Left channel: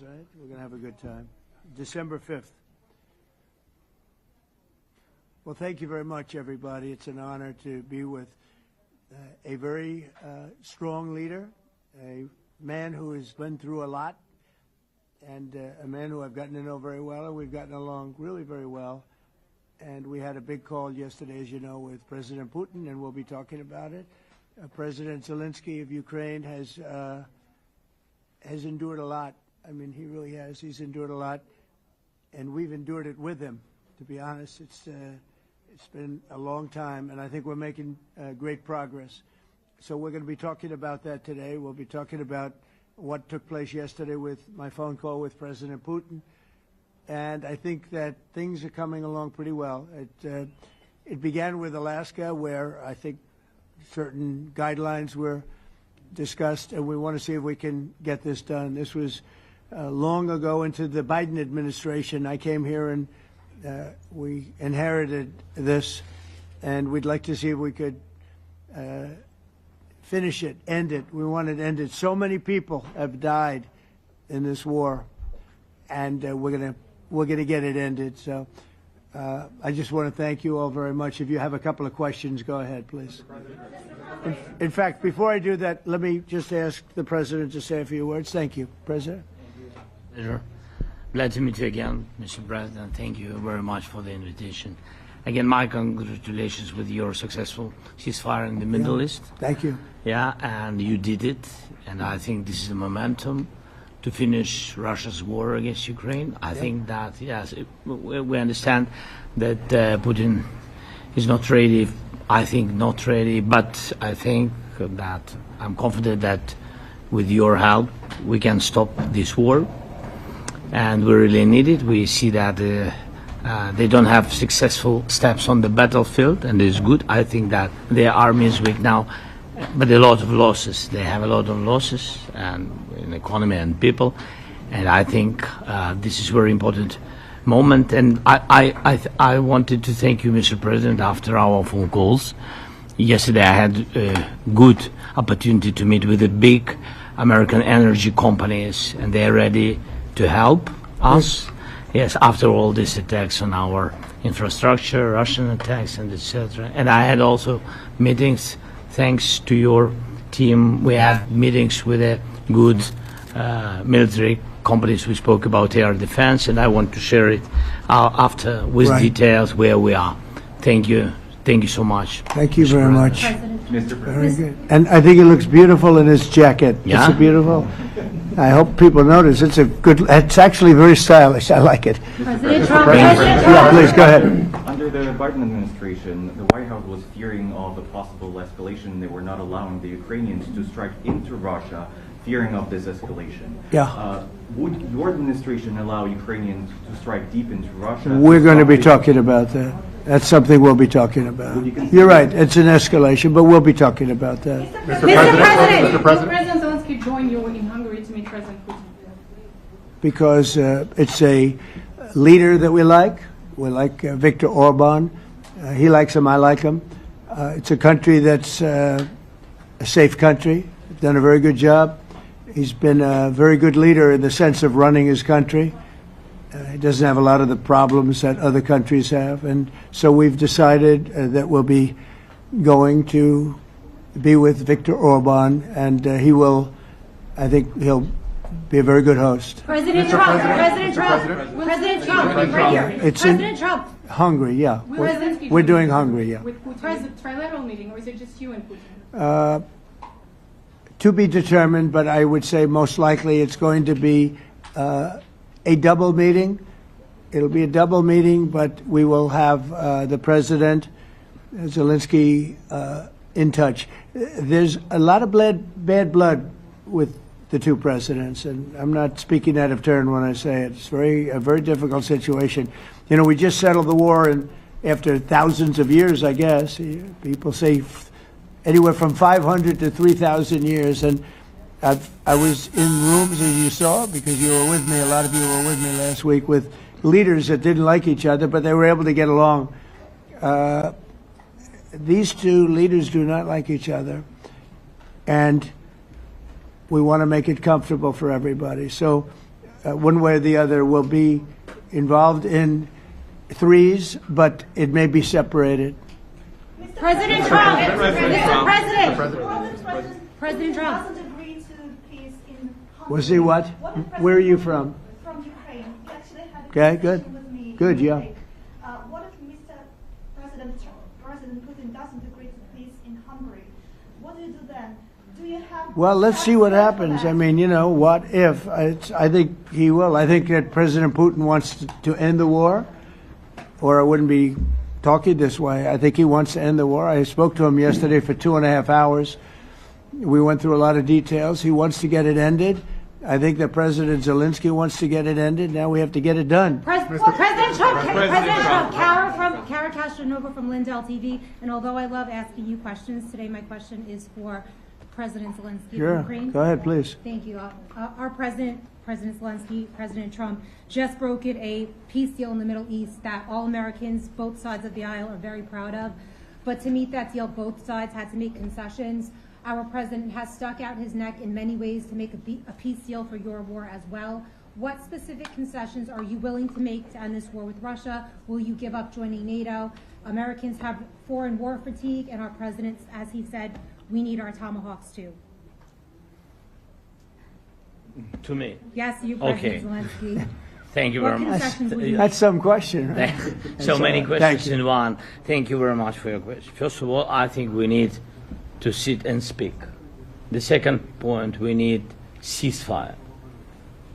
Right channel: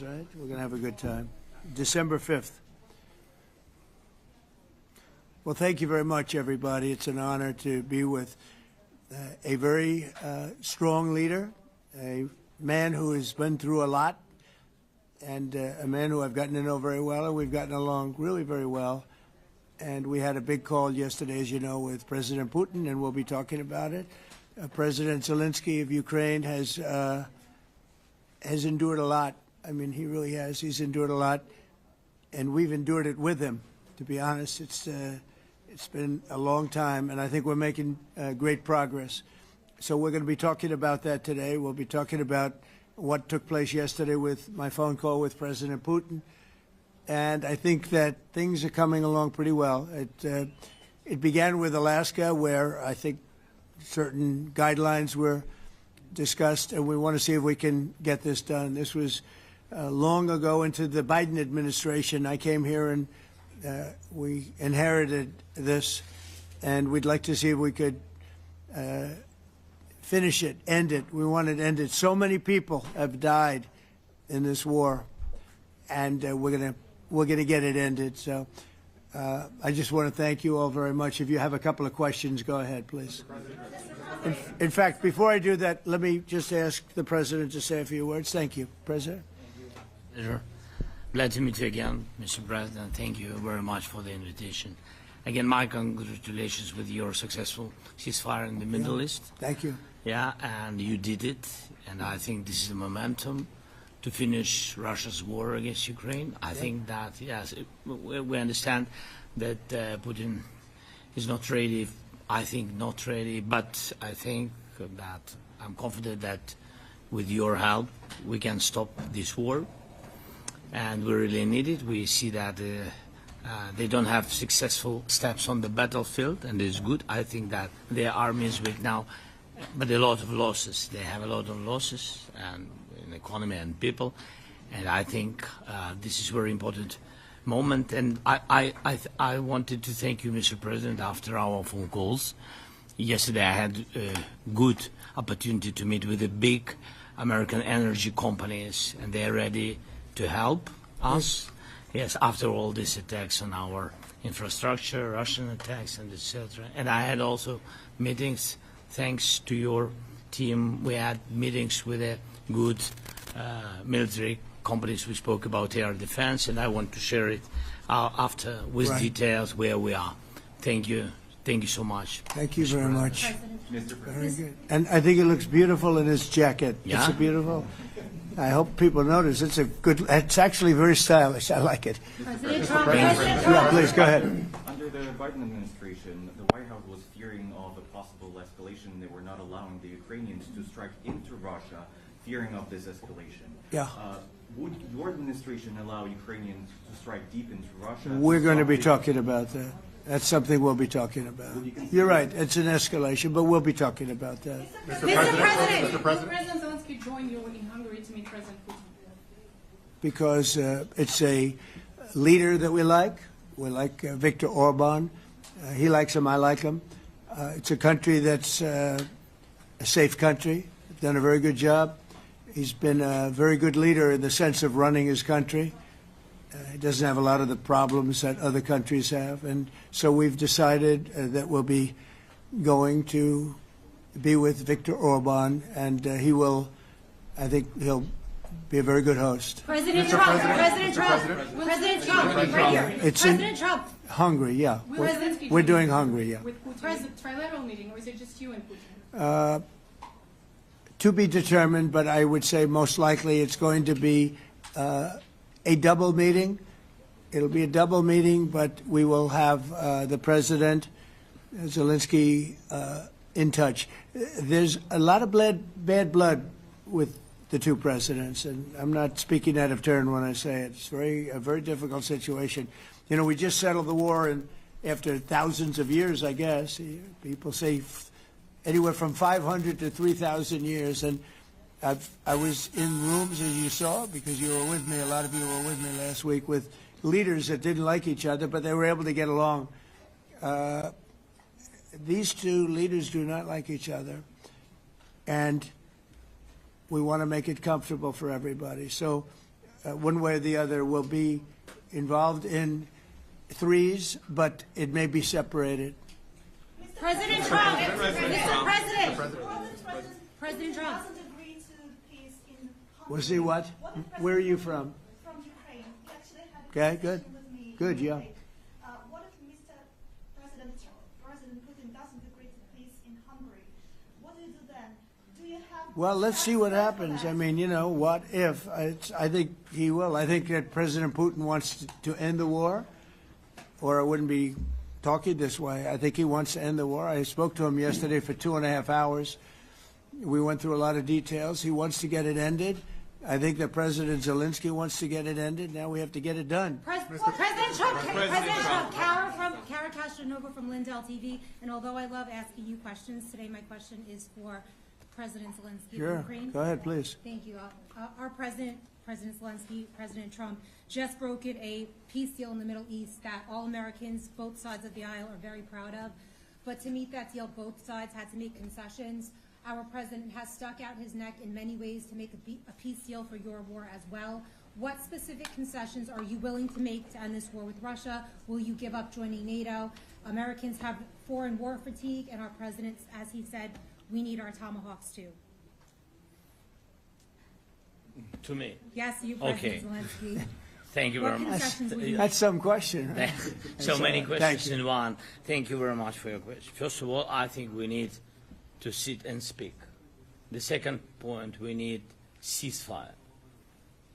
Right? We're going to have a good time. December 5th. Well, thank you very much, everybody. It's an honor to be with a very strong leader, a man who has been through a lot, and a man who I've gotten to know very well, and we've gotten along really very well. And we had a big call yesterday, as you know, with President Putin, and we'll be talking about it. President Zelensky of Ukraine has endured a lot. I mean, he really has. He's endured a lot, and we've endured it with him. To be honest, it's been a long time, and I think we're making great progress. So we're going to be talking about that today. We'll be talking about what took place yesterday with my phone call with President Putin, and I think that things are coming along pretty well. It began with Alaska, where I think certain guidelines were discussed, and we want to see if we can get this done. This was long ago into the Biden administration. I came here and we inherited this, and we'd like to see if we could finish it, end it. We want it ended. So many people have died in this war, and we're gonna get it ended. So I just want to thank you all very much. If you have a couple of questions, go ahead, please. In fact, before I do that, let me just ask the President to say a few words. Thank you, President. Pleasure. Glad to meet you again, Mr. President. Thank you very much for the invitation. Again, my congratulations with your successful ceasefire in the Middle East. Thank you. Yeah, and you did it, and I think this is a momentum to finish Russia's war against Ukraine. I think that, yes, we understand that Putin is not ready. I think not ready, but I think that I'm confident that with your help we can stop this war, and we really need it. We see that they don't have successful steps on the battlefield, and it's good. I think that their army is weak now, but a lot of losses. They have a lot of losses, and in economy and people, and I think this is very important moment. And I wanted to thank you, Mr. President, after our phone calls. Yesterday I had a good opportunity to meet with the big American energy companies, and they're ready to help us. Yes, after all these attacks on our infrastructure, Russian attacks, and etc. And I had also meetings, thanks to your team. We had meetings with a good military companies. We spoke about air defense, and I want to share it after with details where we are. Thank you. Thank you so much. Thank you very much. Mr. Very good. And I think it looks beautiful in his jacket. Yeah? It's beautiful. I hope people notice. It's actually very stylish. I like it. President Trump. Yeah, please, go ahead. Under the Biden administration, the White House was fearing of a possible escalation. They were not allowing the Ukrainians to strike into Russia, fearing of this escalation. Yeah. Would your administration allow Ukrainians to strike deep into Russia? We're going to be talking about that. That's something we'll be talking about. You're right. It's an escalation, but we'll be talking about that. Mr. President. Will President Zelensky join you in Hungary to meet President Putin? Because it's a leader that we like. We like Viktor Orban. He likes him. I like him. It's a country that's a safe country. Done a very good job. He's been a very good leader in the sense of running his country. He doesn't have a lot of the problems that other countries have. And so we've decided that we'll be going to be with Viktor Orban, and I think he'll be a very good host. President Trump. President Trump. President Trump. Right here. It's President Trump. Hungary, yeah. We're doing Hungary, yeah. With Putin. Is it a trilateral meeting, or is it just you and Putin? To be determined, but I would say most likely it's going to be a double meeting. It'll be a double meeting, but we will have the President, Zelensky, in touch. There's a lot of bad blood with the two presidents, and I'm not speaking out of turn when I say it. It's a very difficult situation. You know, we just settled the war, and after thousands of years, I guess. People say anywhere from 500 to 3,000 years, and I was in rooms, as you saw, because you were with me, a lot of you were with me last week, with leaders that didn't like each other, but they were able to get along. These two leaders do not like each other, and we want to make it comfortable for everybody. So one way or the other, will be involved in threes, but it may be separated. President Trump, Mr. President. President Trump. doesn't agree to peace in Hungary. Was he what? Where are you from? From Ukraine. He actually had a Okay, good. conversation with me Good, in yeah. Munich. What if President Putin doesn't agree to peace in Hungary? What do you do then? Do you have... Well, let's see what happens. I mean, what if? I think he will. I think that President Putin wants to end the war, or I wouldn't be talking this way. I think he wants to end the war. I spoke to him yesterday for 2.5 hours. We went through a lot of details. He wants to get it ended. I think that President Zelensky wants to get it ended. Now we have to get it done. President Trump, Kara Castronova from Lindell TV. And although I love asking you questions, today my question is for President Zelensky Sure. of Ukraine. Go ahead, please. Thank you. Our President Zelensky, President Trump, just brokered a peace deal in the Middle East that all Americans, both sides of the aisle, are very proud of. But to meet that deal, both sides had to make concessions. Our president has stuck out his neck in many ways to make a peace deal for your war as well. What specific concessions are you willing to make to end this war with Russia? Will you give up joining NATO? Americans have foreign war fatigue, and our president, as he said, we need our tomahawks too. To me. Yes, you, Okay. President Zelensky. Thank you What very much. concessions will you That's some question, right? So many Thank questions you. in one. Thank you very much for your question. First of all, I think we need to sit and speak. The second point, we need ceasefire.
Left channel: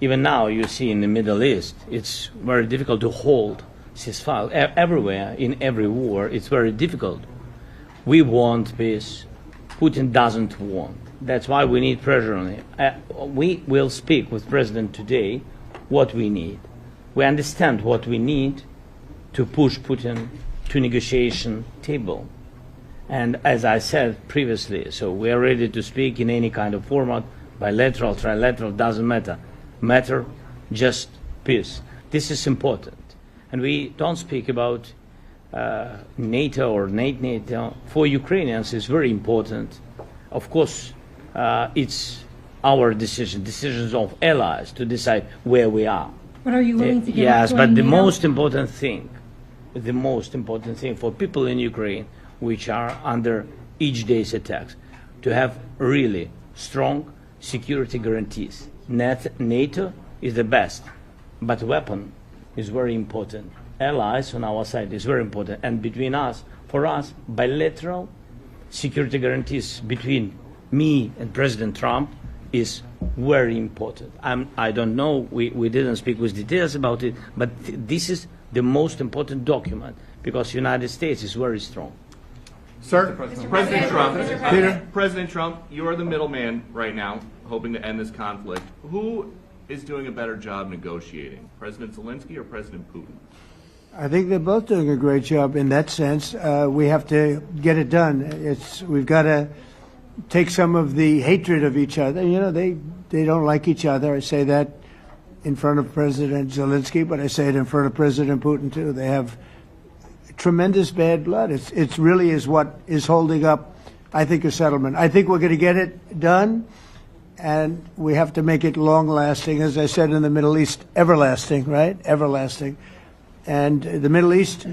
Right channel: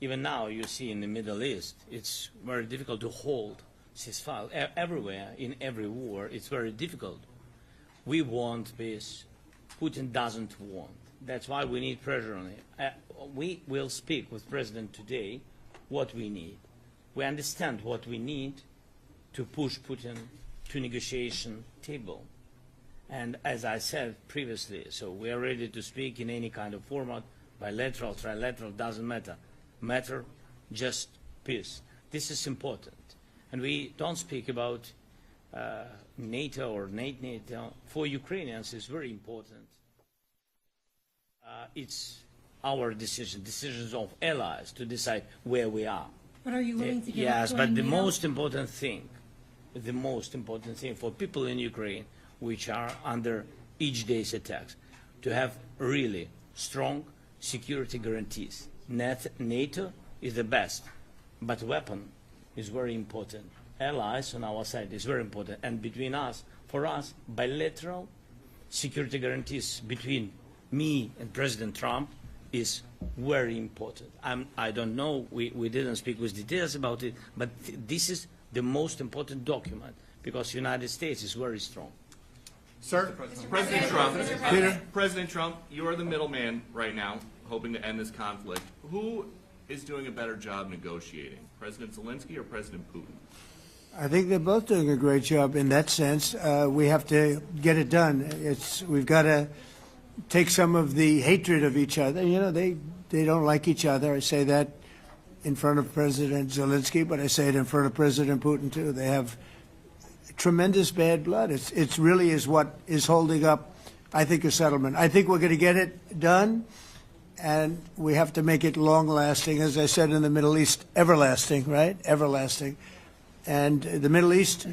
Even now, you see in the Middle East, it's very difficult to hold ceasefire. Everywhere, in every war, it's very difficult. We want peace. Putin doesn't want. That's why we need pressure on him. We will speak with President today what we need. We understand what we need to push Putin to negotiation table. And as I said previously, so we are ready to speak in any kind of format, bilateral, trilateral, doesn't matter. Matter just peace. This is important. And we don't speak about NATO or NATO. For Ukrainians, it's very important. Of course, it's our decision, decisions of allies to decide where we are. But are you willing to give Yes, up but joining the NATO? most important thing for people in Ukraine, which are under each day's attacks, to have really strong security guarantees. NATO is the best, but weapon is very important. Allies on our side is very important, and between us, for us, bilateral security guarantees between me and President Trump is very important. I don't know, we didn't speak with details about it, but this is the most important document because the United States is very strong. Sir, Peter? President Trump, you are the middleman right now, hoping to end this conflict. Who is doing a better job negotiating, President Zelensky or President Putin? I think they're both doing a great job in that sense. We have to get it done. We've got to take some of the hatred of each other. You know, they don't like each other. I say that in front of President Zelensky, but I say it in front of President Putin too. They have tremendous bad blood. It's really is what is holding up, I think, a settlement. I think we're going to get it done, and we have to make it long-lasting. As I said in the Middle East, everlasting, right? Everlasting. And the Middle East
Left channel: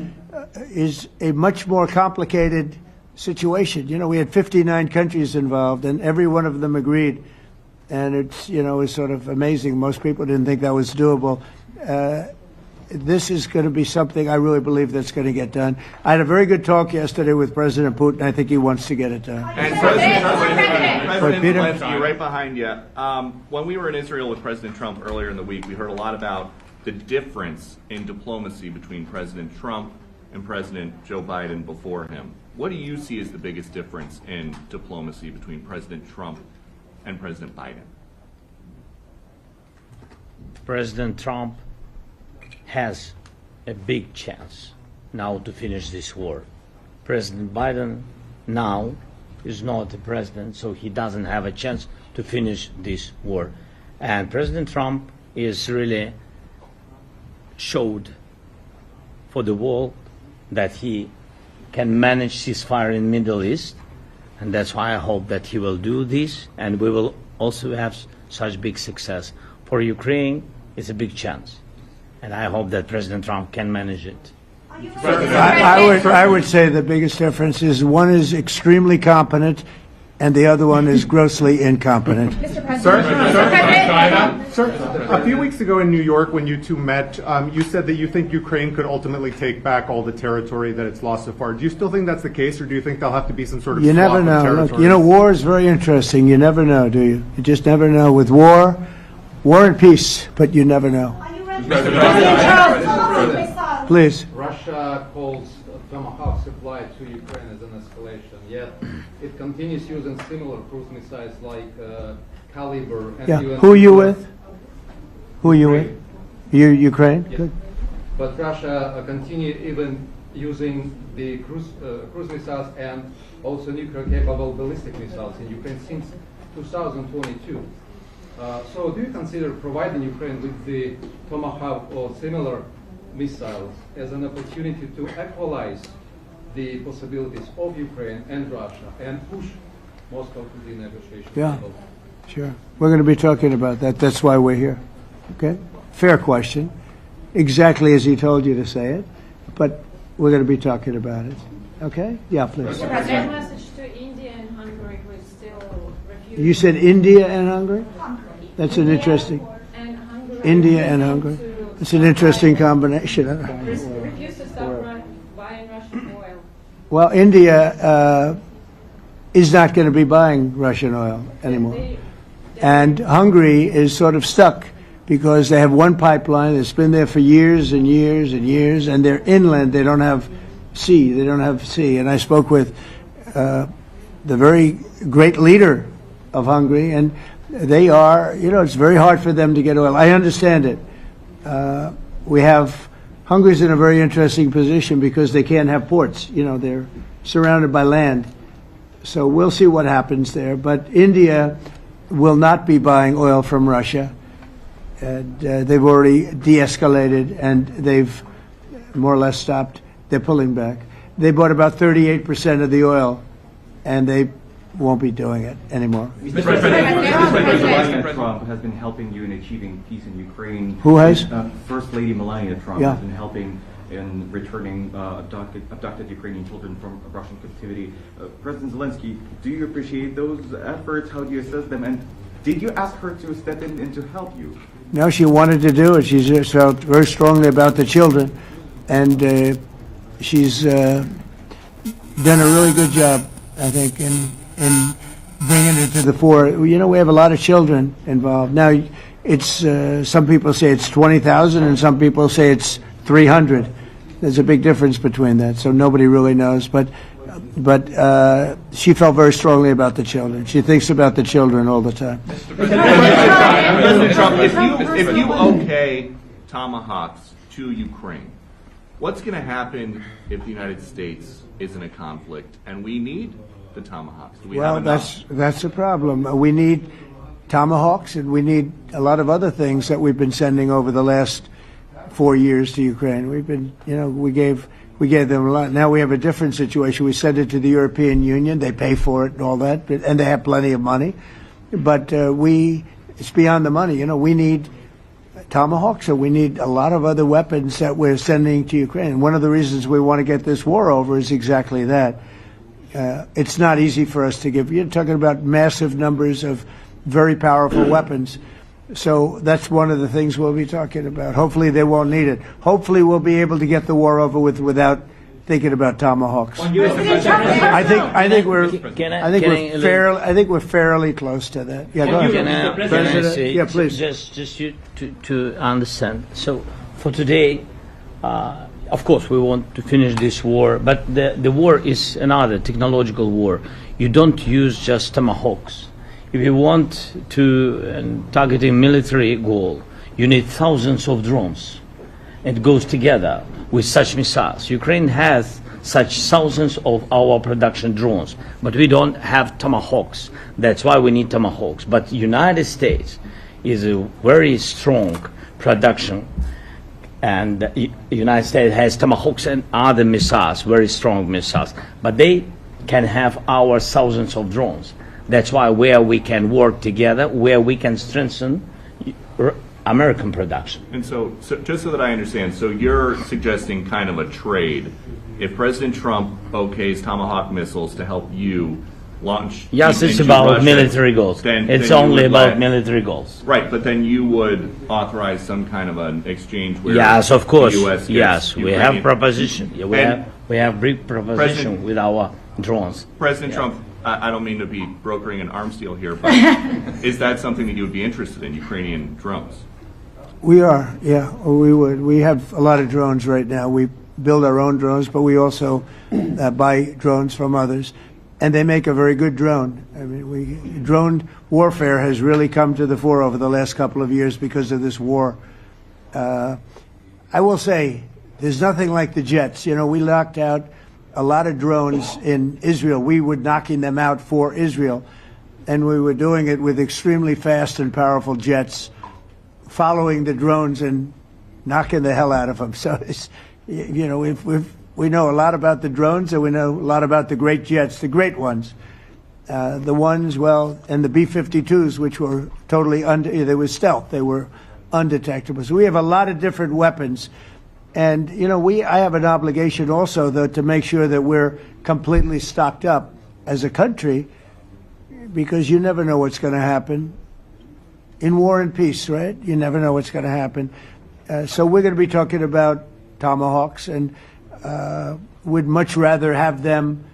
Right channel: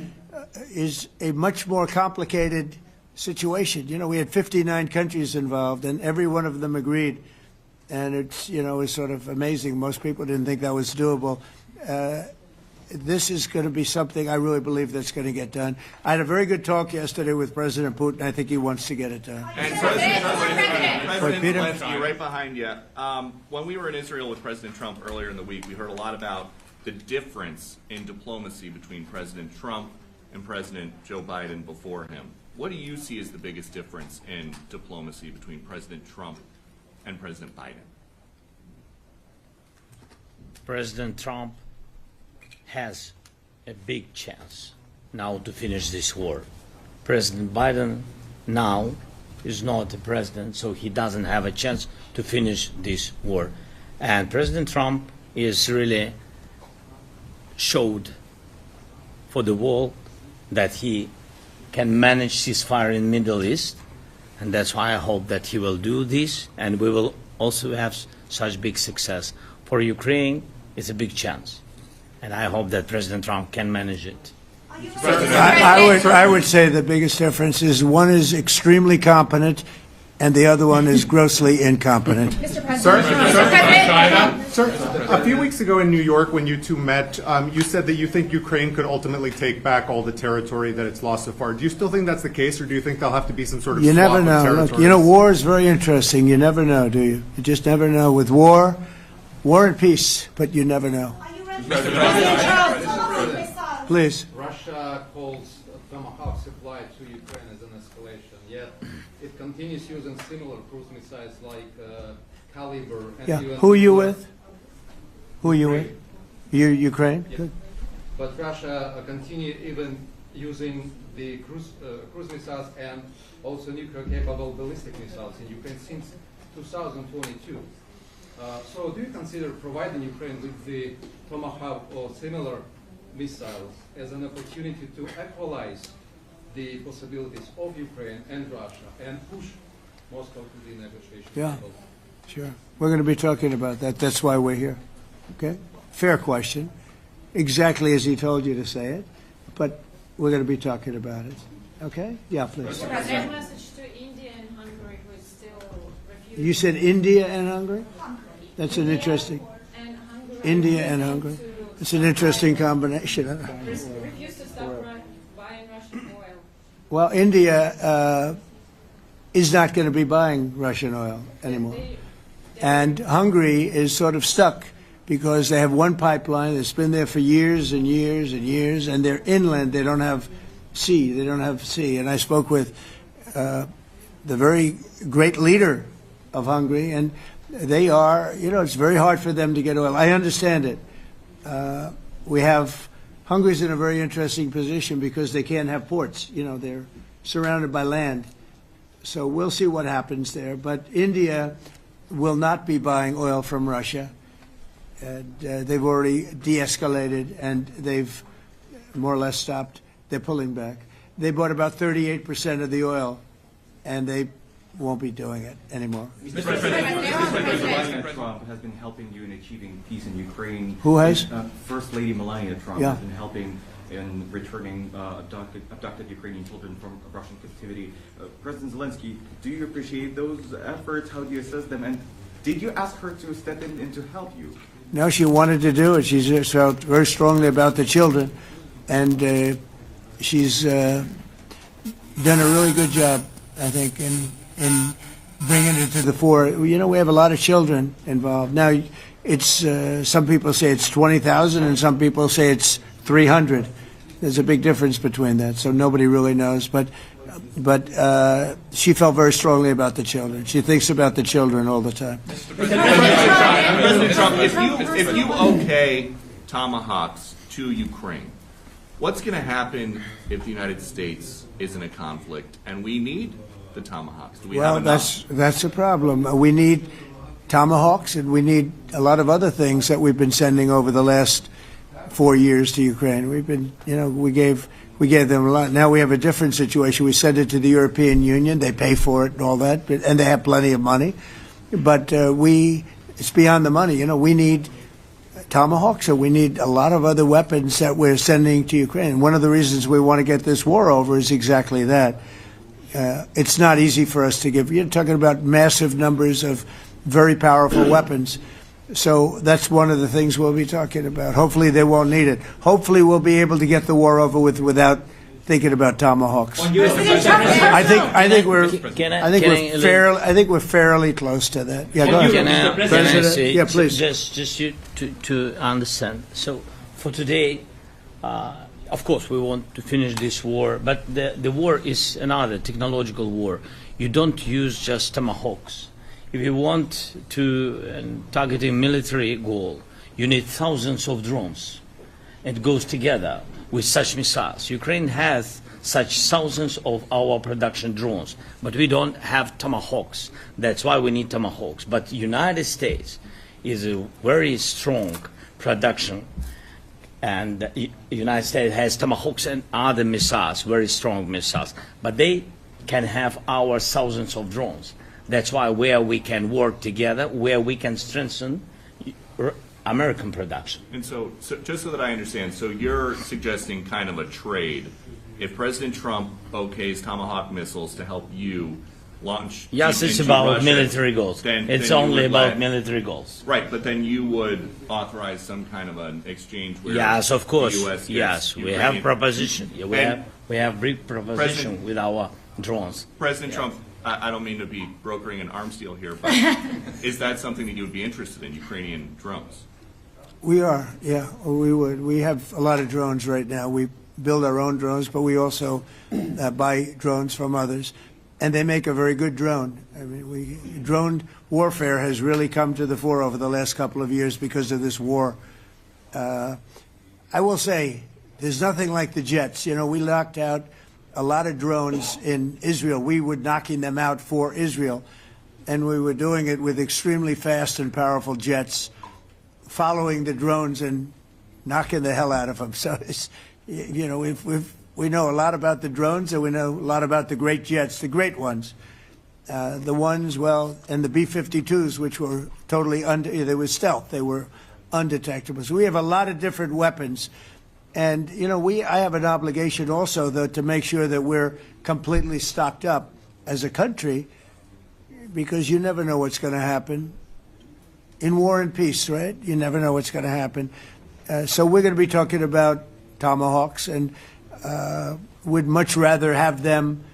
is a much more complicated situation. You know, we had 59 countries involved, and every one of them agreed. And it's, it's sort of amazing. Most people didn't think that was doable. This is going to be something I really believe that's going to get done. I had a very good talk yesterday with President Putin. I think he wants to get it done. And President Peter? Zelensky, right behind you. When we were in Israel with President Trump earlier in the week, we heard a lot about the difference in diplomacy between President Trump and President Joe Biden before him. What do you see as the biggest difference in diplomacy between President Trump and President Biden? President Trump has a big chance now to finish this war. President Biden now is not the president, so he doesn't have a chance to finish this war. And President Trump is really showed for the world that he can manage ceasefire in the Middle East, and that's why I hope that he will do this, and we will also have such big success. For Ukraine, it's a big chance. And I hope that President Trump can manage it. Are you ready? I would say the biggest difference is one is extremely competent and the other one is grossly incompetent. Sir, a few weeks ago in New York when you two met, you said that you think Ukraine could ultimately take back all the territory that it's lost so far. Do you still think that's the case, or do you think there'll have to be some sort of You swap never of know. territories? Look, you know, war is very interesting. You never know, do you? You just never know. With war and peace, but you never know. Are you ready? Tomahawk missiles. Please. Russia calls Tomahawk supply to Ukraine as an escalation, yet it continues using similar cruise missiles like Caliber and Yeah. even... Who are you with? Who are you with? You Ukraine? Yeah. Good. But Russia continue even using the cruise missiles and also nuclear-capable ballistic missiles in Ukraine since 2022. So do you consider providing Ukraine with the Tomahawk or similar missiles as an opportunity to equalize the possibilities of Ukraine and Russia and push Moscow to the negotiation Yeah. table? Sure. We're going to be talking about that. That's why we're here. Okay? Fair question. Exactly as he told you to say it. But we're going to be talking about it. Okay? Yeah, please. That message to India and Hungary was still refused. You said India and Hungary? That's an interesting. And Hungary India and Hungary. It's an interesting combination. refused to stop buying Russian oil. Well, India is not going to be buying Russian oil anymore. And Hungary is sort of stuck because they have one pipeline that's been there for years and years and years, and they're inland. They don't have sea. They don't have sea. And I spoke with the very great leader of Hungary, and they are, you know, it's very hard for them to get oil. I understand it. Hungary's in a very interesting position because they can't have ports. You know, they're surrounded by land. So we'll see what happens there. But India will not be buying oil from Russia. And, they've already de-escalated, and they've more or less stopped. They're pulling back. They bought about 38% of the oil, and they won't be doing it anymore. President Trump has been helping you in achieving peace in Ukraine. Who has? First Lady Melania Trump Yeah. has been helping in returning abducted Ukrainian children from Russian captivity. President Zelensky, do you appreciate those efforts? How do you assess them? And did you ask her to step in and to help you? No, she wanted to do it. She just felt very strongly about the children, and she's done a really good job, I think, in bringing it to the fore. You know, we have a lot of children involved. Now, it's some people say it's 20,000, and some people say it's 300. There's a big difference between that, so nobody really knows. But she felt very strongly about the children. She thinks about the children all the time. President Trump, if you okay Tomahawks to Ukraine, what's going to happen if the United States is in a conflict and we need the Tomahawks? Do we have enough? That's a problem. We need Tomahawks, and we need a lot of other things that we've been sending over the last 4 years to Ukraine. We've been, you know, we gave them a lot. Now we have a different situation. We send it to the European Union. They pay for it and all that, and they have plenty of money. But it's beyond the money. You know, we need Tomahawks, and we need a lot of other weapons that we're sending to Ukraine. One of the reasons we want to get this war over is exactly that. It's not easy for us to give. You're talking about massive numbers of very powerful weapons. So that's one of the things we'll be talking about. Hopefully they won't need it. Hopefully we'll be able to get the war over with without thinking about Tomahawks. I think we're fairly close to that. Yeah, go ahead. Can I say, Yeah, please. just to understand. So for today, of course, we want to finish this war, but the war is another technological war. You don't use just Tomahawks. If you want to target a military goal, you need thousands of drones. It goes together with such missiles. Ukraine has such thousands of our production drones, but we don't have Tomahawks. That's why we need Tomahawks. But United States is a very strong production, and the United States has Tomahawks and other missiles, very strong missiles, but they can have our thousands of drones. That's why where we can work together, where we can strengthen American production. And so just so that I understand, so you're suggesting kind of a trade. If President Trump okays Tomahawk missiles to help you launch... Yes, it's into about Russia, military goals. then It's you only would about let- military goals. Right, but then you would authorize some kind of an exchange where Yes, of course. the U.S. gets Yes, we Ukrainian- have proposition. Yeah, And we have big proposition President- with our drones. President Trump, I don't mean to be brokering an arms deal here, but is that something that you would be interested in, Ukrainian drones? We are, yeah, we would. We have a lot of drones right now. We build our own drones, but we also buy drones from others, and they make a very good drone. I mean, drone warfare has really come to the fore over the last couple of years because of this war. I will say, there's nothing like the jets. You know, we knocked out a lot of drones in Israel. We were knocking them out for Israel, and we were doing it with extremely fast and powerful jets, following the drones and knocking the hell out of them. So, it's, you know, we know a lot about the drones, and we know a lot about the great jets, the great ones. The ones, well, and the B-52s, which were totally they were stealth. They were undetectable. So we have a lot of different weapons. And, you know, I have an obligation also, though, to make sure that we're completely stocked up as a country, because you never know what's going to happen. In war and peace, right? You never know what's going to happen. So we're going to be talking about Tomahawks, and would much rather have them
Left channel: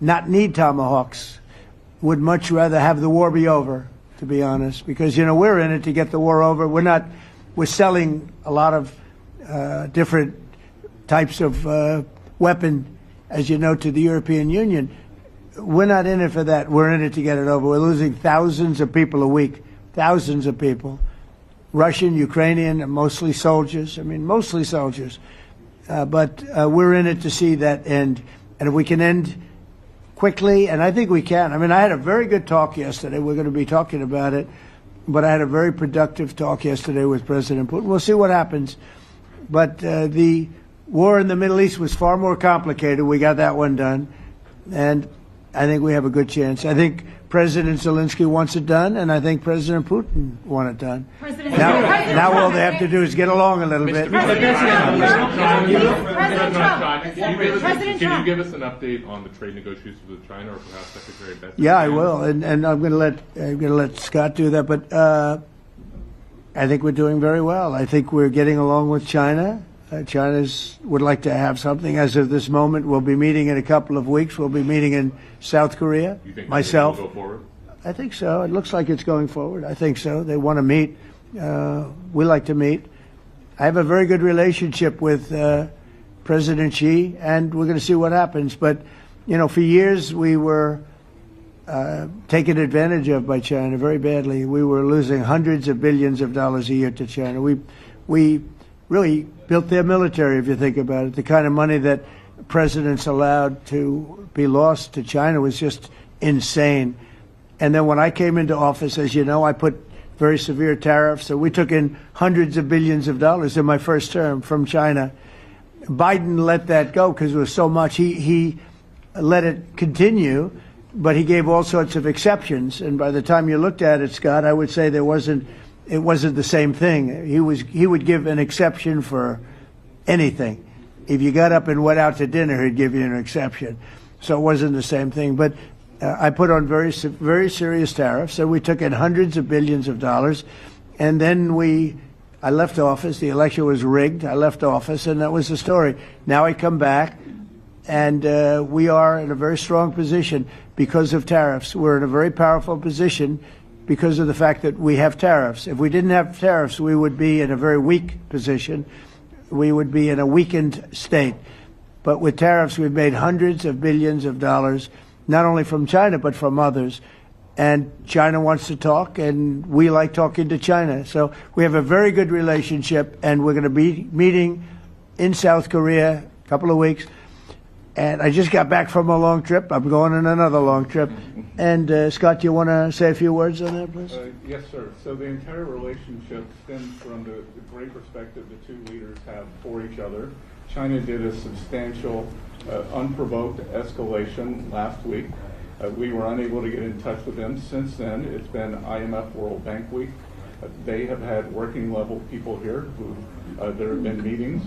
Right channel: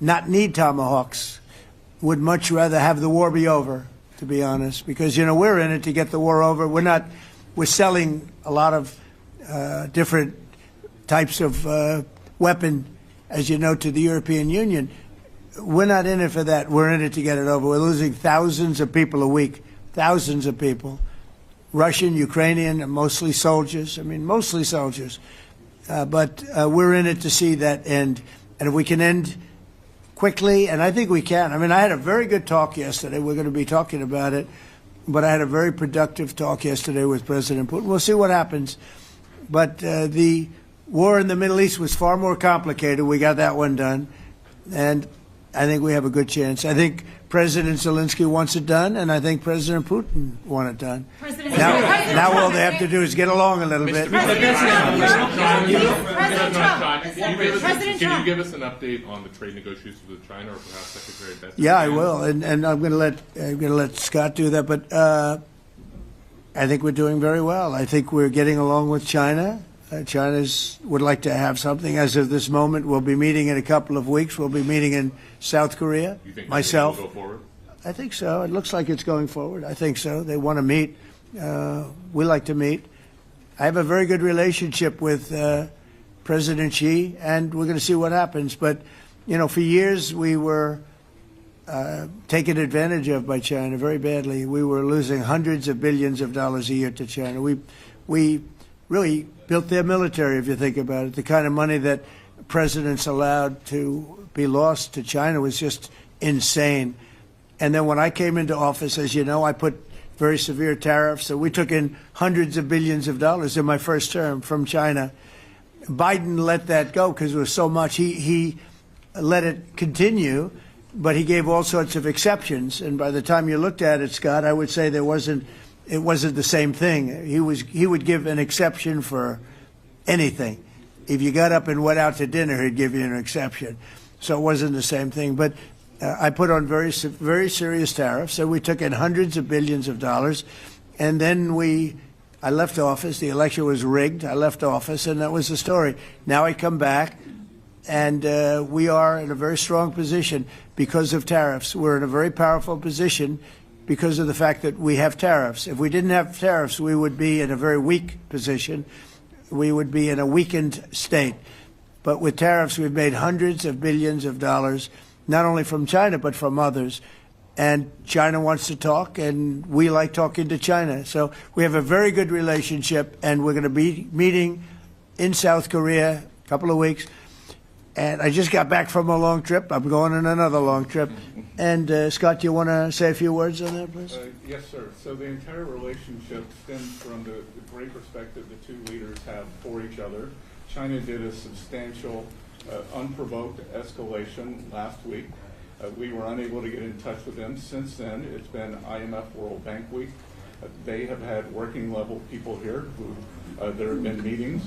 not need Tomahawks. Would much rather have the war be over, to be honest, because, you know, we're in it to get the war over. We're selling a lot of different types of weapon, as you know, to the European Union. We're not in it for that. We're in it to get it over. We're losing thousands of people a week, thousands of people, Russian, Ukrainian, and mostly soldiers. I mean, mostly soldiers. But we're in it to see that end. And if we can end quickly, and I think we can. I mean, I had a very good talk yesterday. We're going to be talking about it. But I had a very productive talk yesterday with President Putin. We'll see what happens. But the war in the Middle East was far more complicated. We got that one done. And I think we have a good chance. I think President Zelensky wants it done, and I think President Putin wants it done. Now all they have to do is get along a little bit. Can you give us an update on the trade negotiations with China, or perhaps Secretary Bethesda? Yeah, I will, and I'm going to let Scott do that. But I think we're doing very well. I think we're getting along with China. China would like to have something. As of this moment, we'll be meeting in a couple of weeks. We'll be meeting in South Korea. You think myself. will go forward? I think so. It looks like it's going forward. I think so. They want to meet. We like to meet. I have a very good relationship with President Xi, and we're going to see what happens. But, you know, for years we were taken advantage of by China very badly. We were losing hundreds of billions of dollars a year to China. We really built their military, if you think about it. The kind of money that presidents allowed to be lost to China was just insane. And then when I came into office, as you know, I put very severe tariffs. So we took in hundreds of billions of dollars in my first term from China. Biden let that go because it was so much. He let it continue, but he gave all sorts of exceptions. And by the time you looked at it, Scott, I would say it wasn't the same thing. He would give an exception for anything. If you got up and went out to dinner, he'd give you an exception. So it wasn't the same thing. But I put on very serious tariffs. So we took in hundreds of billions of dollars. And then I left office. The election was rigged. I left office, and that was the story. Now I come back, and we are in a very strong position because of tariffs. We're in a very powerful position because of the fact that we have tariffs. If we didn't have tariffs, we would be in a very weak position. We would be in a weakened state. But with tariffs, we've made hundreds of billions of dollars, not only from China, but from others. And China wants to talk, and we like talking to China. So we have a very good relationship, and we're going to be meeting in South Korea a couple of weeks. And I just got back from a long trip. I'm going on another long trip. And Scott, do you want to say a few words on that, please? Yes, sir. So the entire relationship stems from the great respect that the two leaders have for each other. China did a substantial, unprovoked escalation last week. We were unable to get in touch with them. Since then, it's been IMF World Bank Week. They have had working level people here who there have been meetings.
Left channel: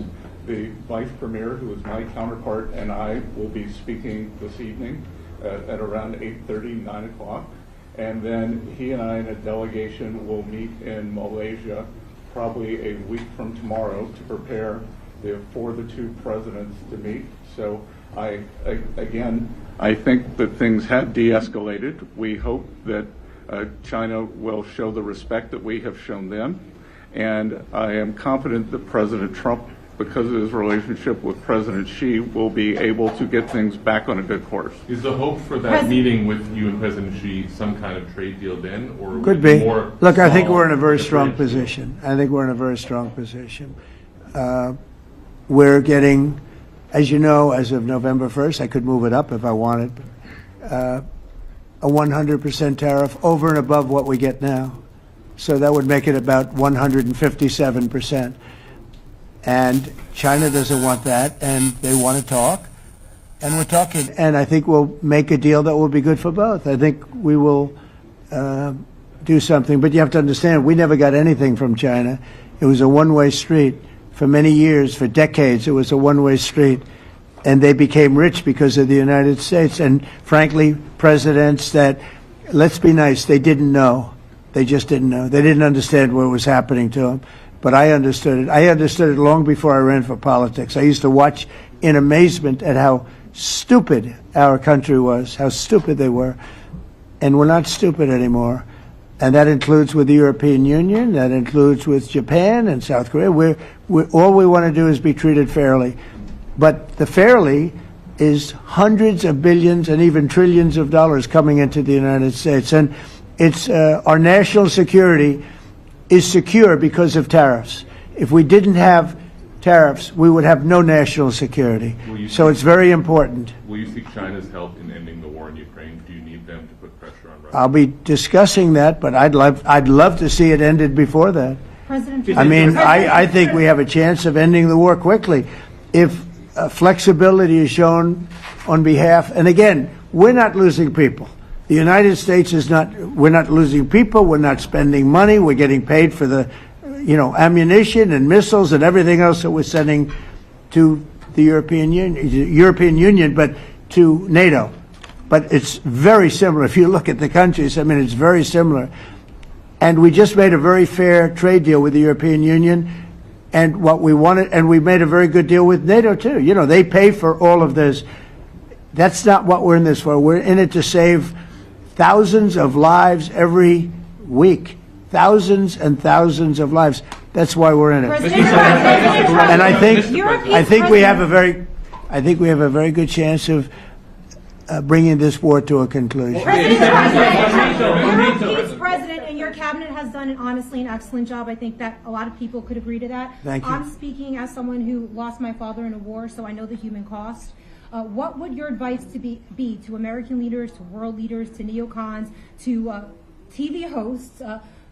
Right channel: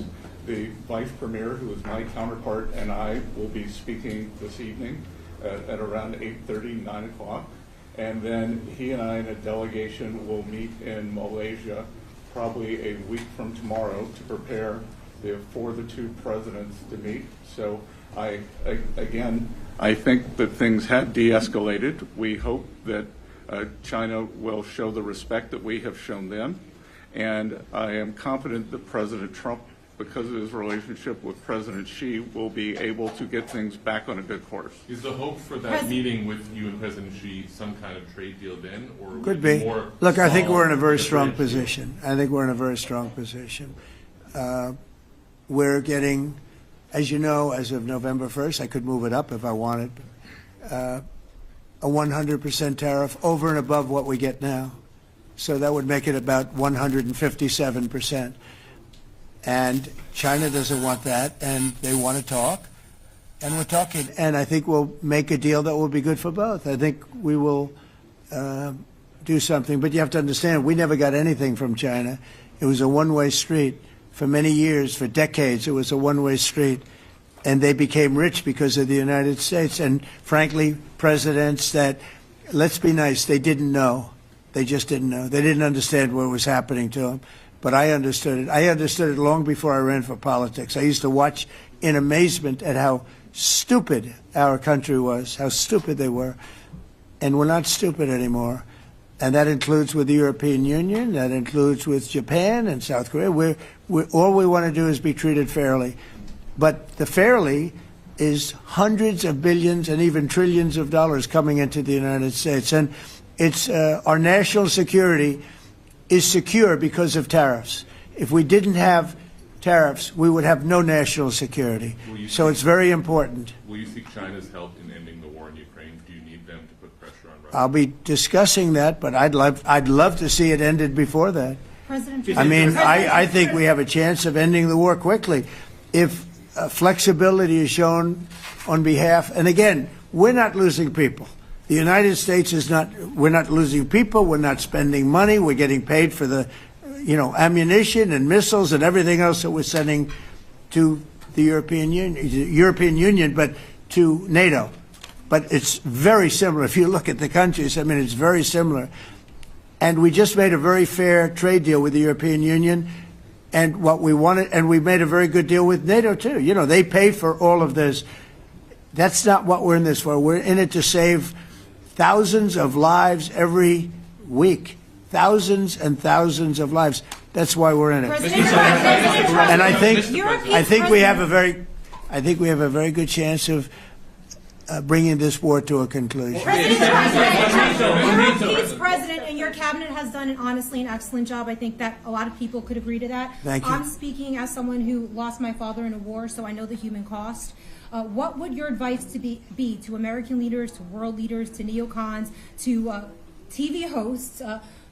The vice premier, who is my counterpart, and I will be speaking this evening at around 8:30, 9 o'clock. And then he and I and a delegation will meet in Malaysia probably a week from tomorrow to prepare for the two presidents to meet. So I think that things have de-escalated. We hope that China will show the respect that we have shown them. And I am confident that President Trump, because of his relationship with President Xi, will be able to get things back on a good course. Is the hope for that meeting with you and President Xi some kind of trade deal then, or Could would it be. more Look, I think small we're in a very strong trade deal? position. I think we're in a very strong position. We're getting, as you know, as of November 1st, I could move it up if I wanted, a 100% tariff over and above what we get now. So that would make it about 157%. And China doesn't want that, and they want to talk, and we're talking. And I think we'll make a deal that will be good for both. I think we will do something. But you have to understand, we never got anything from China. It was a one-way street. For many years, for decades, it was a one-way street. And they became rich because of the United States. And frankly, presidents that, let's be nice, they didn't know. They just didn't know. They didn't understand what was happening to them. But I understood it. I understood it long before I ran for politics. I used to watch in amazement at how stupid our country was, how stupid they were. And we're not stupid anymore. And that includes with the European Union. That includes with Japan and South Korea. All we want to do is be treated fairly. But the fairly is hundreds of billions and even trillions of dollars coming into the United States. And it's our national security is secure because of tariffs. If we didn't have tariffs, we would have no national security. So it's very important. Will you seek China's help in ending the war in Ukraine? Do you need them to put pressure on Russia? I'll be discussing that, but I'd love to see it ended before that. President I mean, I think we have a chance of ending the war quickly if flexibility is shown on behalf. And again, we're not losing people. The United States is not. We're not losing people. We're not spending money. We're getting paid for the, ammunition and missiles and everything else that we're sending to the European Union, but to NATO. But it's very similar. If you look at the countries, I mean, it's very similar. And we just made a very fair trade deal with the European Union, and what we wanted, and we made a very good deal with NATO too. They pay for all of this. That's not what we're in this for. We're in it to save thousands of lives every week. Thousands and thousands of lives. That's why we're in it. And I think we have a very good chance of bringing this war to a conclusion. President, and your cabinet has done honestly an excellent job. I think that a lot of people could agree to that. Thank you. I'm speaking as someone who lost my father in a war, so I know the human cost. What would your advice be to American leaders, to world leaders, to neocons, to TV hosts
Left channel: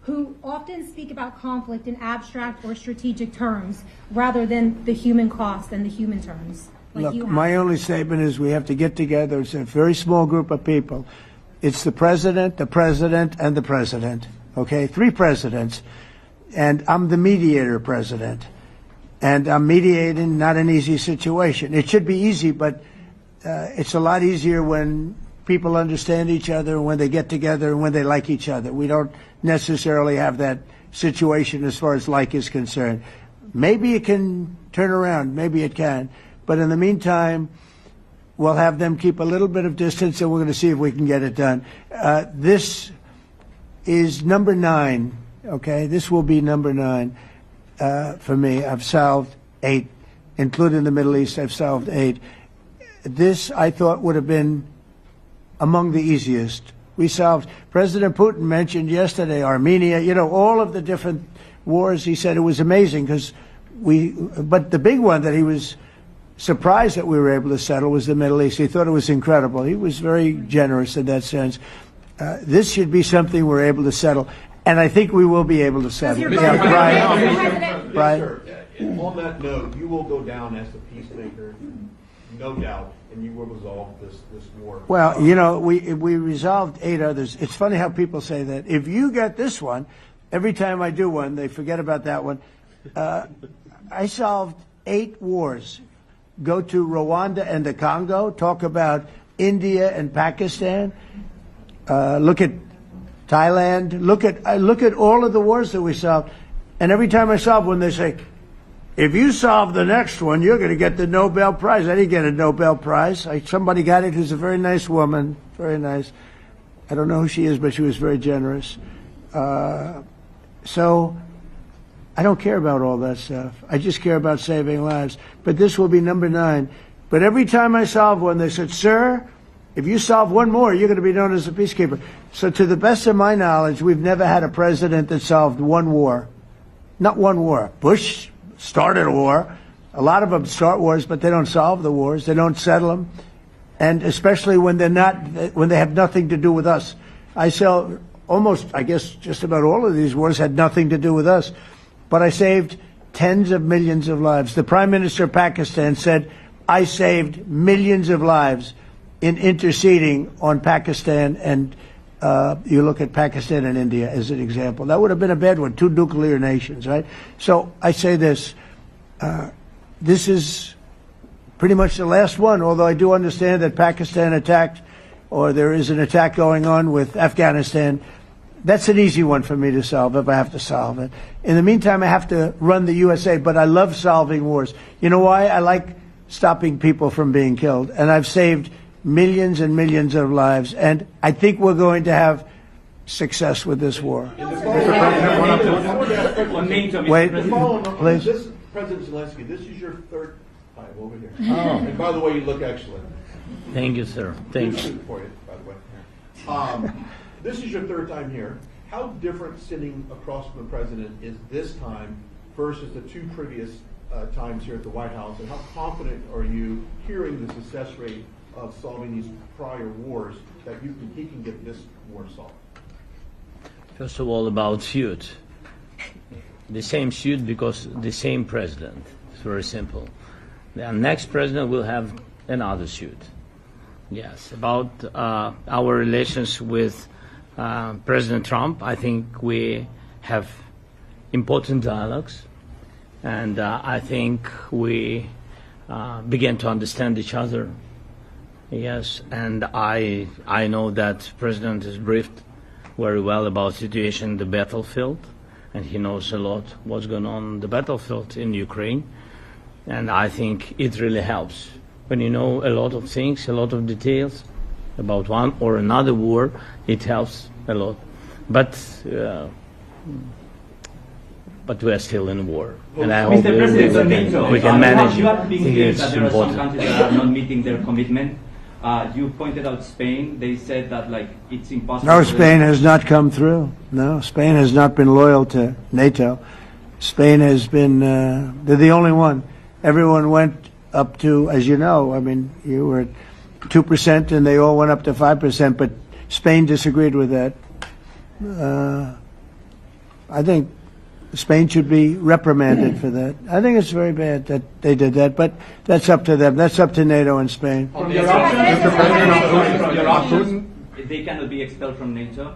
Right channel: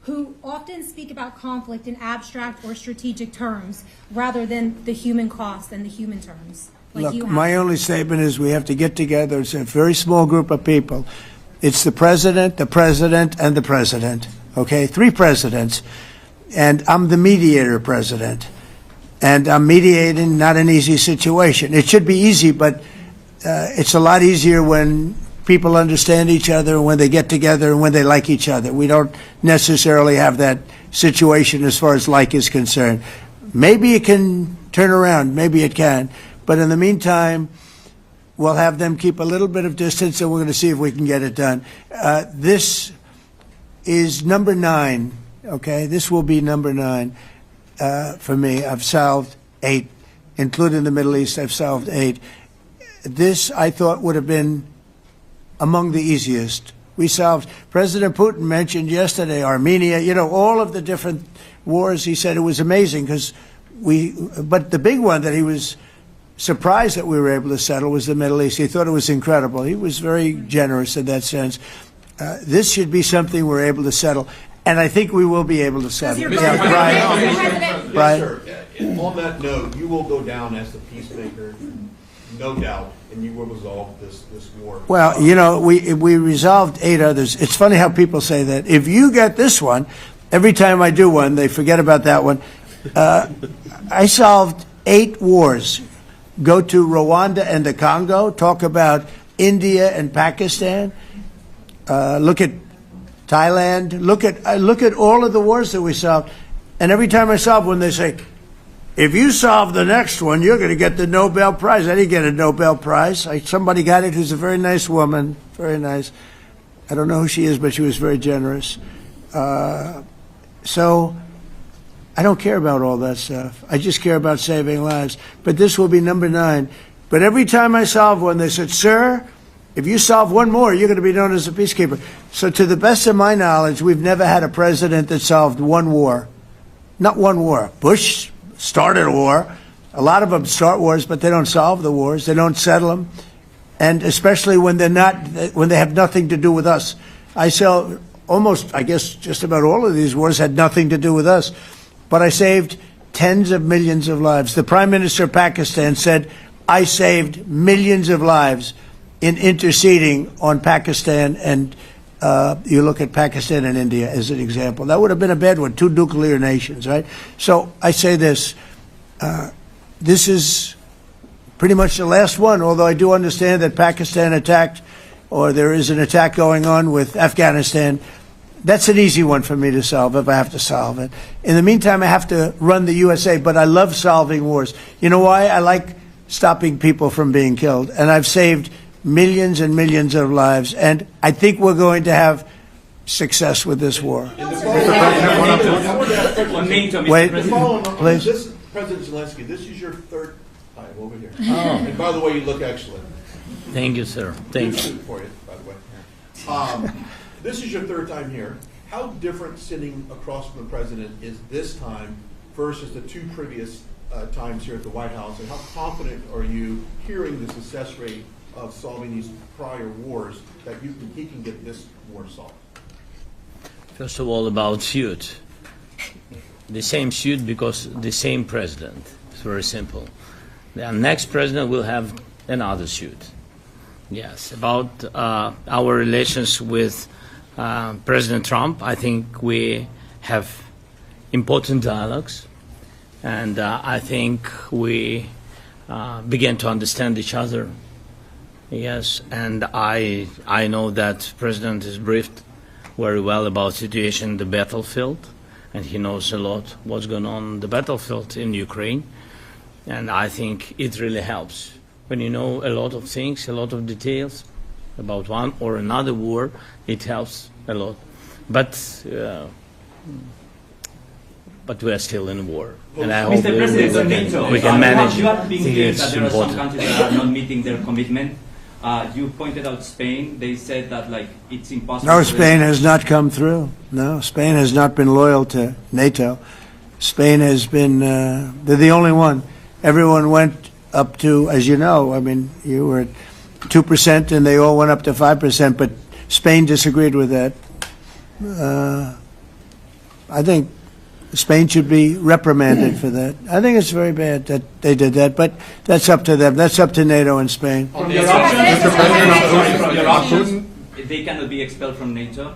who often speak about conflict in abstract or strategic terms rather than the human cost and the human terms? Look, my only statement is we have to get together. It's a very small group of people. It's the president, and the president. Okay, 3 presidents. And I'm the mediator president. And I'm mediating not an easy situation. It should be easy, but it's a lot easier when people understand each other, when they get together, and when they like each other. We don't necessarily have that situation as far as like is concerned. Maybe it can turn around. Maybe it can. But in the meantime, we'll have them keep a little bit of distance, and we're going to see if we can get it done. This is number 9, okay? This will be number 9 for me. I've solved 8, including the Middle East. I've solved 8. This, I thought, would have been among the easiest. We solved, President Putin mentioned yesterday Armenia, all of the different wars. He said it was amazing but the big one that he was surprised that we were able to settle was the Middle East. He thought it was incredible. He was very generous in that sense. This should be something we're able to settle, and I think we will be able to settle. Yes, sir. On that note, you will go down as the peacemaker, no doubt, and you will resolve this war. Well, we resolved 8 others. It's funny how people say that. If you get this one, every time I do one, they forget about that one. I solved 8 wars. Go to Rwanda and the Congo, talk about India and Pakistan, look at Thailand, look at all of the wars that we solved. And every time I solve one, they say, if you solve the next one, you're going to get the Nobel Prize. I didn't get a Nobel Prize. Somebody got it who's a very nice woman, very nice. I don't know who she is, but she was very generous. So I don't care about all that stuff. I just care about saving lives. But this will be number 9. But every time I solve one, they said, sir, if you solve one more, you're going to be known as a peacekeeper. So to the best of my knowledge, we've never had a president that solved one war. Not one war. Bush started a war. A lot of them start wars, but they don't solve the wars. They don't settle them. And especially when they have nothing to do with us. I saw almost, I guess, just about all of these wars had nothing to do with us. But I saved tens of millions of lives. The Prime Minister of Pakistan said, I saved millions of lives in interceding on Pakistan, and you look at Pakistan and India as an example. That would have been a bad one, 2 nuclear nations, right? So I say this, this is pretty much the last one, although I do understand that Pakistan attacked, or there is an attack going on with Afghanistan. That's an easy one for me to solve if I have to solve it. In the meantime, I have to run the USA, but I love solving wars. You know why? I like stopping people from being killed, and I've saved millions and millions of lives, and I think we're going to have success with this war. Wait, please. This, President Zelensky, this is your 3rd time over here. Oh. And by the way, you look excellent. Thank you, sir. Thank you. For you, by the way. This is your 3rd time here. How different sitting across from the president is this time versus the 2 previous times here at the White House, and how confident are you hearing the success rate of solving these prior wars that he can get this war solved? First of all, about suit. The same suit because the same president. It's very simple. The next president will have another suit. Yes, about our relations with President Trump, I think we have important dialogues, and I think we begin to understand each other. Yes, and I know that President is briefed very well about situation in the battlefield, and he knows a lot what's going on the battlefield in Ukraine, and I think it really helps. When you know a lot of things, a lot of details about one or another war, it helps a lot. But we are still in war, and I hope we can manage. I think it's important. There are some countries that are not meeting their commitment. You pointed out Spain. They said that it's impossible. No, Spain has not come through. No, Spain has not been loyal to NATO. Spain has been, they're the only one. Everyone went up to, as you know, I mean, you were at 2% and they all went up to 5%, but Spain disagreed with that. I think Spain should be reprimanded for that. I think it's very bad that they did that, but that's up to them. That's up to NATO and Spain. They cannot be expelled from NATO.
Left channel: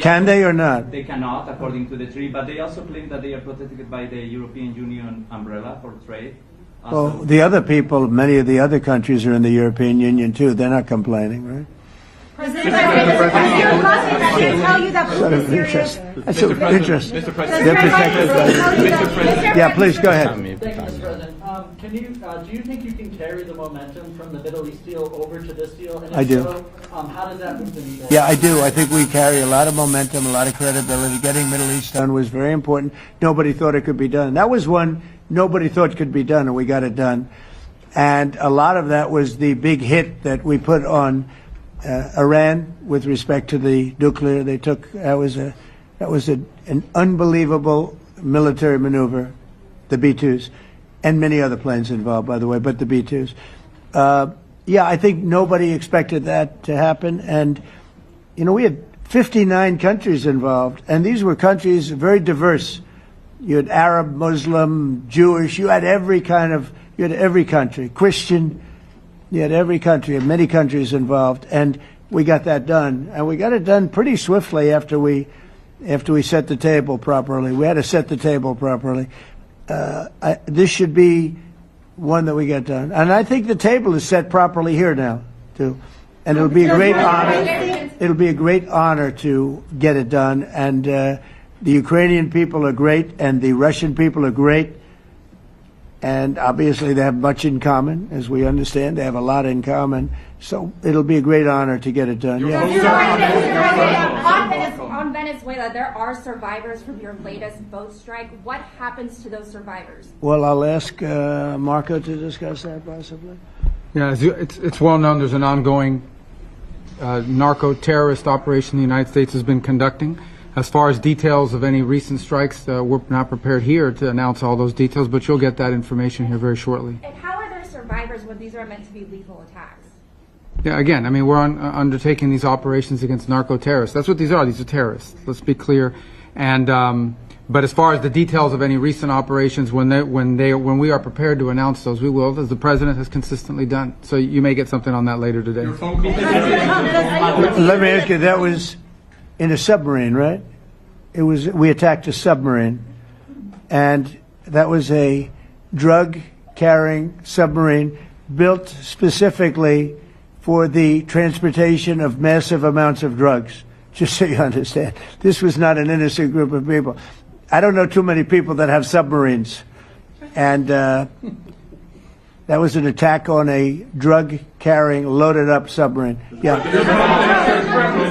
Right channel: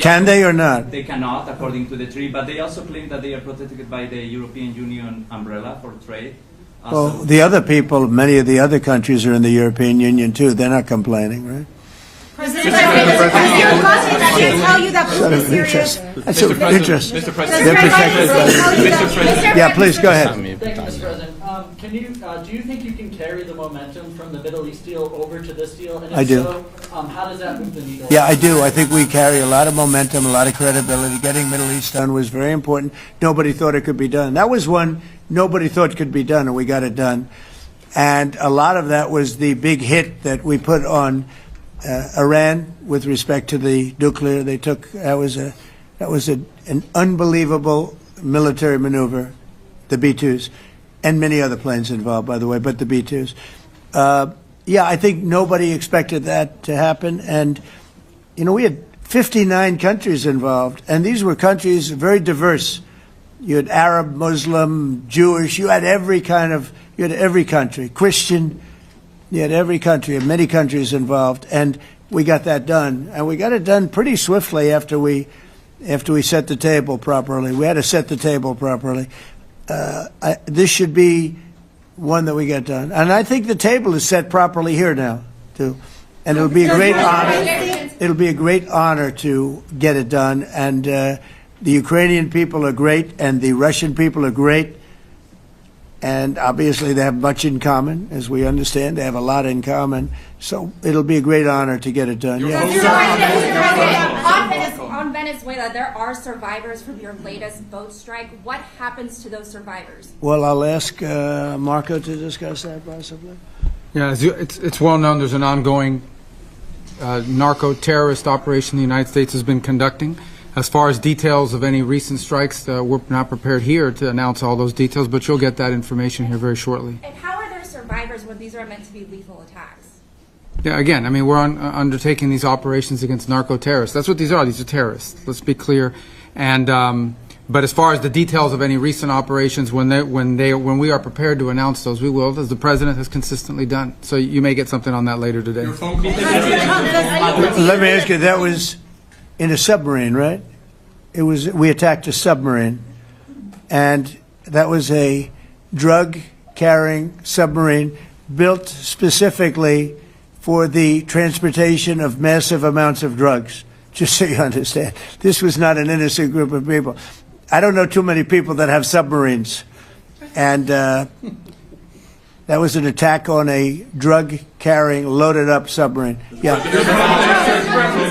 Can they or not? They cannot, according to the treaty, but they also claim that they are protected by the European Union umbrella for trade. Well, the other people, many of the other countries are in the European Union too. They're not complaining, right? President Zelensky tell you that Putin is serious. That's of interest. Mr. They're President. protected by Yeah, please go ahead. Thank you, Mr. President. Do you think you can carry the momentum from the Middle East deal over to this deal? And if I do. So, how does that move the needle? Yeah, I do. I think we carry a lot of momentum, a lot of credibility. Getting Middle East done was very important. Nobody thought it could be done. That was one nobody thought could be done, and we got it done. And a lot of that was the big hit that we put on Iran with respect to the nuclear. They took that was an unbelievable military maneuver, the B-2s, and many other planes involved, by the way, but the B-2s. Yeah, I think nobody expected that to happen. And, you know, we had 59 countries involved, and these were countries very diverse. You had Arab, Muslim, Jewish, you had every country, Christian, you had every country, and many countries involved, and we got that done. And we got it done pretty swiftly after we after we set the table properly. We had to set the table properly. This should be one that we get done. And I think the table is set properly here now, too. And it'll be a great honor. It'll be a great honor to get it done. And the Ukrainian people are great, and the Russian people are great. And obviously they have much in common, as we understand. They have a lot in common. So it'll be a great honor to get it done. On Venezuela, there are survivors from your latest boat strike. What happens to those survivors? Well, I'll ask Marco to discuss that possibly. Yeah, it's well known there's an ongoing narco-terrorist operation the United States has been conducting. As far as details of any recent strikes, we're not prepared here to announce all those details, but you'll get that information here very shortly. And how are there survivors when these are meant to be lethal attacks? Yeah, again, I mean, we're undertaking these operations against narco-terrorists. That's what these are. These are terrorists. Let's be clear. And but as far as the details of any recent operations, when we are prepared to announce those, we will, as the president has consistently done. So you may get something on that later today. Let me ask you, that was in a submarine, right? It was. We attacked a submarine, and that was a drug-carrying submarine built specifically for the transportation of massive amounts of drugs. Just so you understand, this was not an innocent group of people. I don't know too many people that have submarines, and that was an attack on a drug-carrying, loaded-up submarine. Yeah.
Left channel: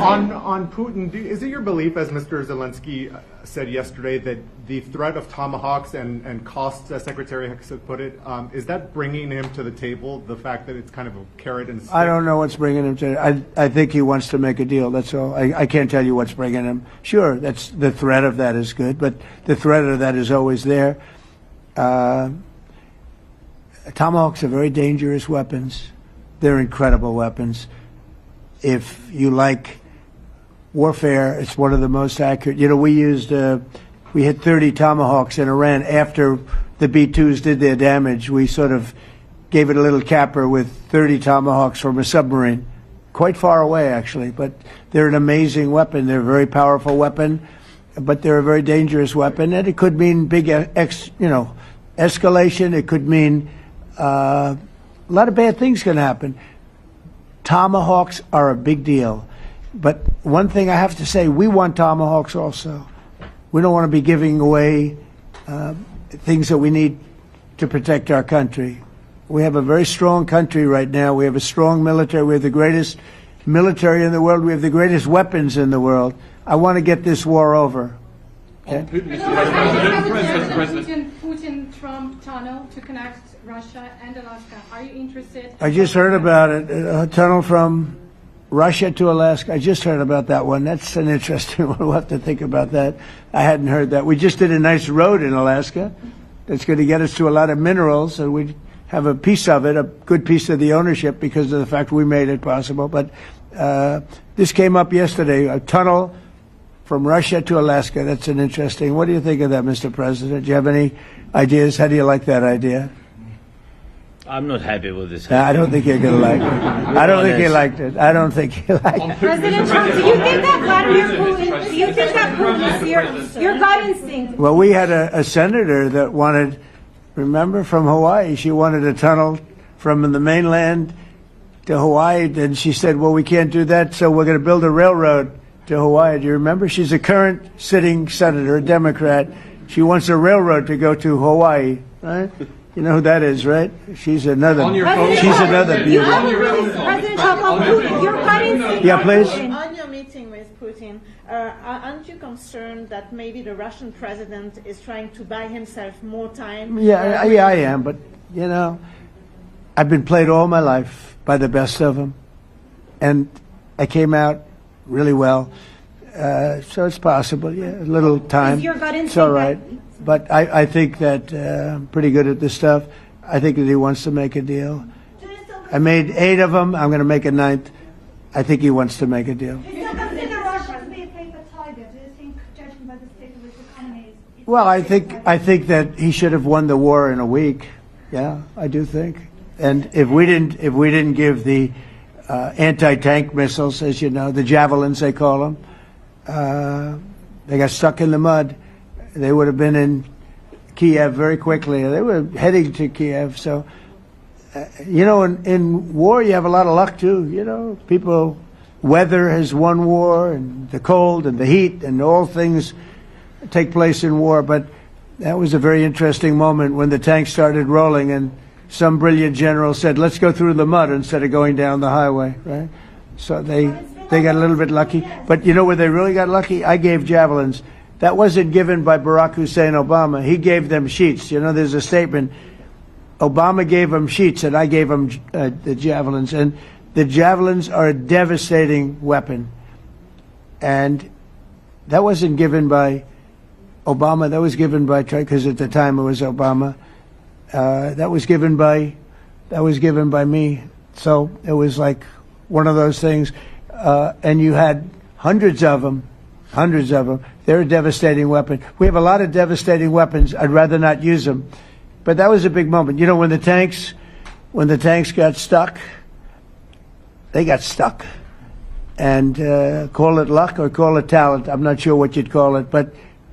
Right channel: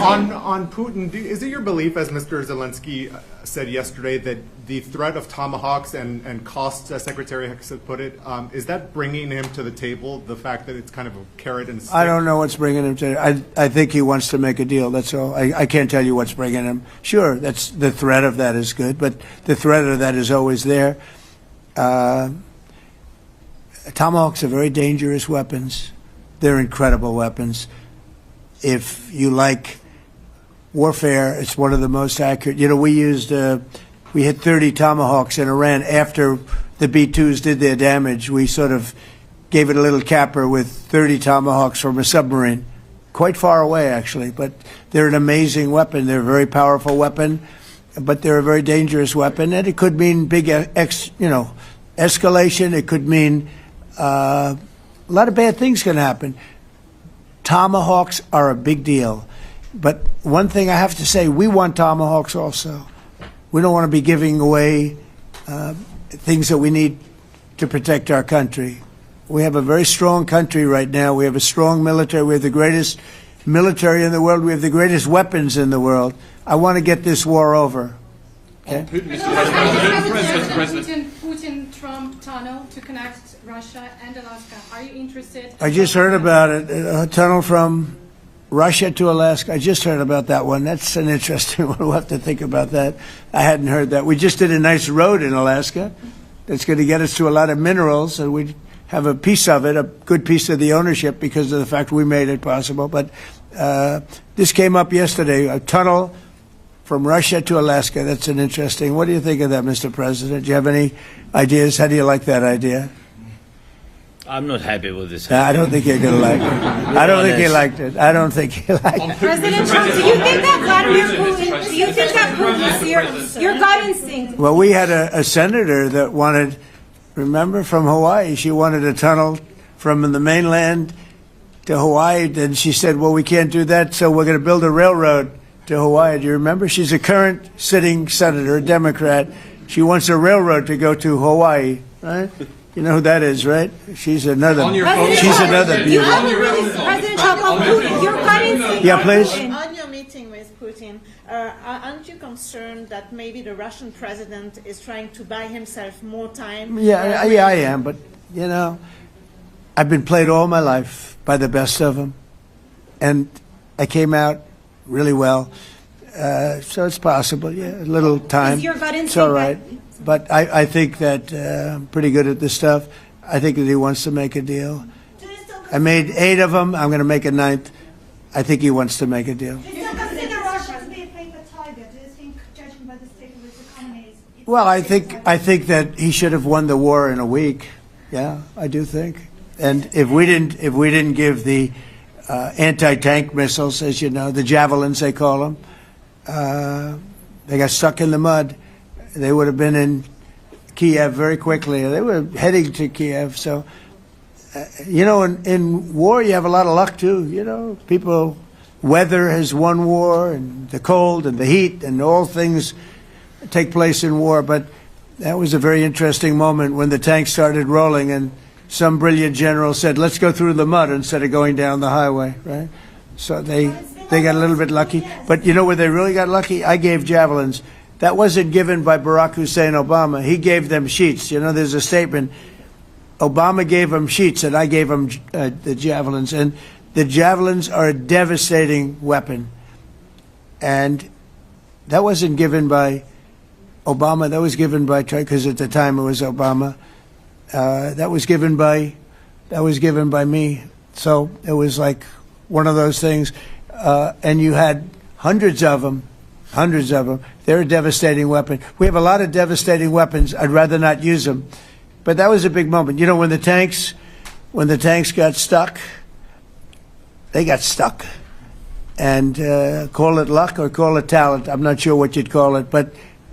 On Putin, is it your belief, as Mr. Zelensky said yesterday, that the threat of tomahawks and costs, as Secretary Hicks had put it, is that bringing him to the table, the fact that it's kind of a carrot and stick? I don't know what's bringing him to I think he wants to make a deal, that's all. I can't tell you what's bringing him. Sure, that's the threat of that is good, but the threat of that is always there. Tomahawks are very dangerous weapons. They're incredible weapons. If you like warfare, it's one of the most accurate. You know, we hit 30 Tomahawks in Iran after the B-2s did their damage. We sort of gave it a little capper with 30 Tomahawks from a submarine, quite far away actually, but they're an amazing weapon. They're a very powerful weapon, but they're a very dangerous weapon, and it could mean big, escalation. It could mean a lot of bad things can happen. Tomahawks are a big deal. But one thing I have to say, we want Tomahawks also. We don't want to be giving away things that we need to protect our country. We have a very strong country right now. We have a strong military. We have the greatest military in the world. We have the greatest weapons in the world. I want to get this war over. Okay? Putin-Trump tunnel to connect Russia and Alaska. Are you interested? I just heard about it. A tunnel from Russia to Alaska. I just heard about that one. That's an interesting one. We'll have to think about that. I hadn't heard that. We just did a nice road in Alaska that's going to get us to a lot of minerals, and we have a piece of it, a good piece of the ownership because of the fact we made it possible. But this came up yesterday, a tunnel from Russia to Alaska. That's an interesting. What do you think of that, Mr. President? Do you have any ideas? How do you like that idea? I'm not happy with this. I don't think you're going to like it. I don't think he liked it. I don't think he liked it. President Trump, do you think that Vladimir Putin, do you think that Putin, your gut instinct? Well, we had a senator that wanted, remember, from Hawaii, she wanted a tunnel from the mainland to Hawaii, and she said, well, we can't do that, so we're going to build a railroad to Hawaii. Do you remember? She's a current sitting senator, a Democrat. She wants a railroad to go to Hawaii, right? You know who that is, right? She's another. She's another beauty. President Trump, on Putin, your gut instinct. Yeah, please. On your meeting with Putin, aren't you concerned that maybe the Russian president is trying to buy himself more time? Yeah, I am, but you know, I've been played all my life by the best of them, and I came out really well. So it's possible, yeah, a little time. Is your gut instinct it's all right. But I think that I'm pretty good at this stuff. I think that he wants to make a deal. I made 8 of them. I'm going to make a 9th. I think he wants to make a deal. Well, I think that he should have won the war in a week. Yeah, I do think. And if we didn't give the anti-tank missiles, as you know, the javelins they call them, They got stuck in the mud. They would have been in Kiev very quickly. They were heading to Kiev. So, in war, you have a lot of luck, too. Weather has won war, and the cold and the heat and all things take place in war. But that was a very interesting moment when the tanks started rolling and some brilliant general said, let's go through the mud instead of going down the highway, right? So they got a little bit lucky. But where they really got lucky? I gave javelins. That wasn't given by Barack Hussein Obama. He gave them sheets. There's a statement. Obama gave them sheets and I gave them the javelins. And the javelins are a devastating weapon. And that wasn't given by Obama. That was given by, because at the time it was Obama. That was given by me. So it was like one of those things. And you had hundreds of them. They're a devastating weapon. We have a lot of devastating weapons. I'd rather not use them. But that was a big moment. When the tanks got stuck, they got stuck. And call it luck or call it talent. I'm not sure what you'd call it, but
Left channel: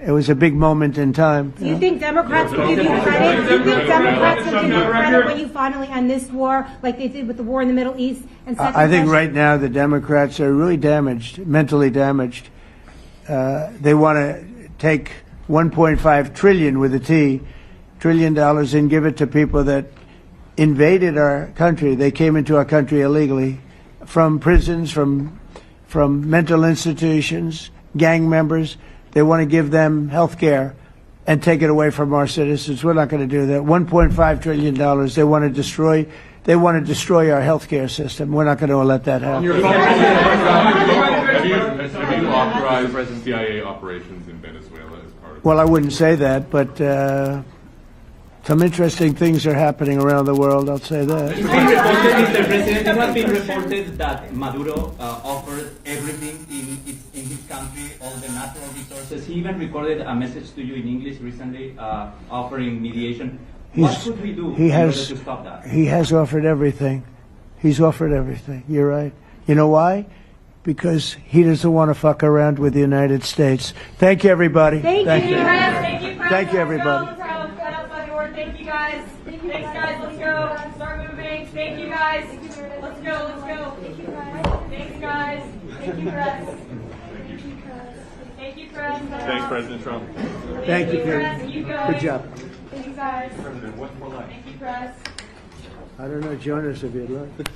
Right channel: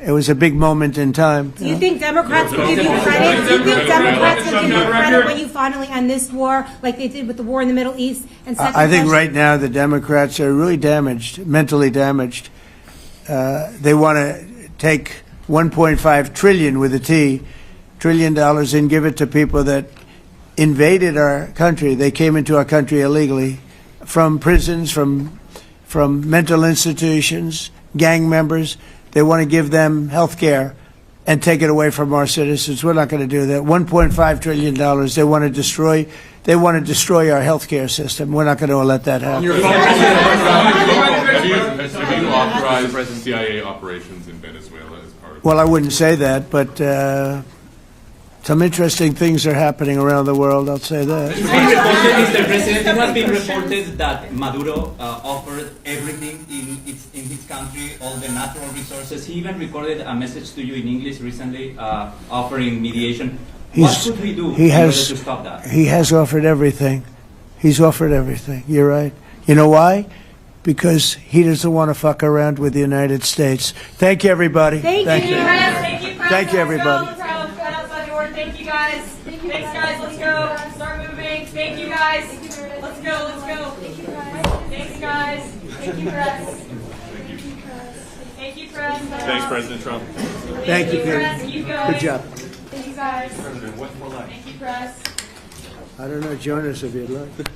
it was a big moment in time. Do you think Democrats can give you credit? Do you think Democrats can give you credit when you finally end this war, like they did with the war in the Middle East? And I think right now the Democrats are really damaged, mentally damaged. They want to take $1.5 trillion with a T, $trillion, and give it to people that invaded our country. They came into our country illegally, from prisons, from mental institutions, gang members. They want to give them health care and take it away from our citizens. We're not going to do that. $1.5 trillion. They want to destroy. They want to destroy our health care system. We're not going to let that happen. Have you authorized CIA operations in Venezuela as part of? Well, I wouldn't say that, but some interesting things are happening around the world. I'll say that. Mr. President, it has been reported that Maduro offered everything in his country, all the natural resources. He even recorded a message to you in English recently, offering mediation. What should we do in order to stop that? He has offered everything. He's offered everything. You're right. You know why? Because he doesn't want to fuck around with the United States. Thank you, everybody. Thank you. Thank you, everybody. Thank you, guys. Thanks, guys. Let's go. Start moving. Thank you, guys. Let's go. Thanks, guys. Thank you, press. Thank you, press. Thanks, President Trump. Thank you, Peter. Good job. Thank you, guys. Thank you, press. I don't know, join us if you'd like.